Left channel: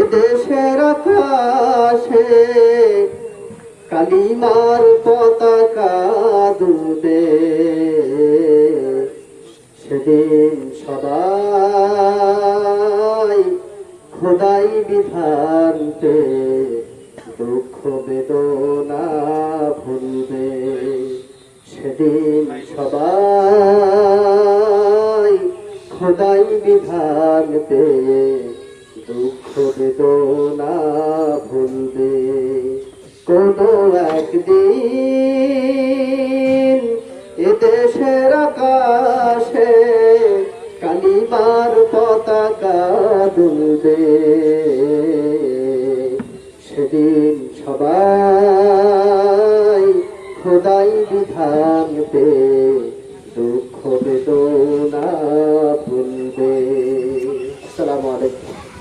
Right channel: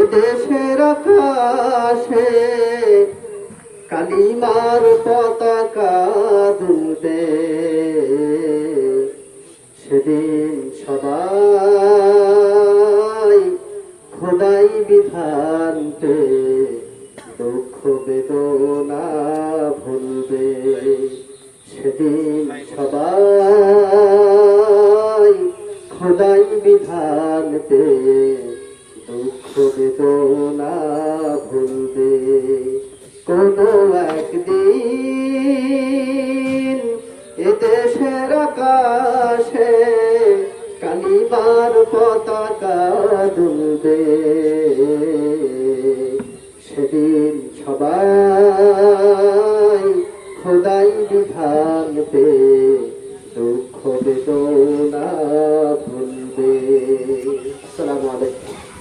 এদেশের আকাশে কালিমার পতাকা দুবে সেদিন সবাই খোদাই বিধানতে দুঃখ বেদনা ভুলবে। সেদিন সবাই খোদাই বিধান বেদনা ভুলবে কোনো একদিন এদেশের আকাশে কালিমার পতাকা দুলবে। সেদিন সবাই খোদাই বিধান পে দুঃখ বেদনা ভুলবে। আসসালামু আলাইকুম।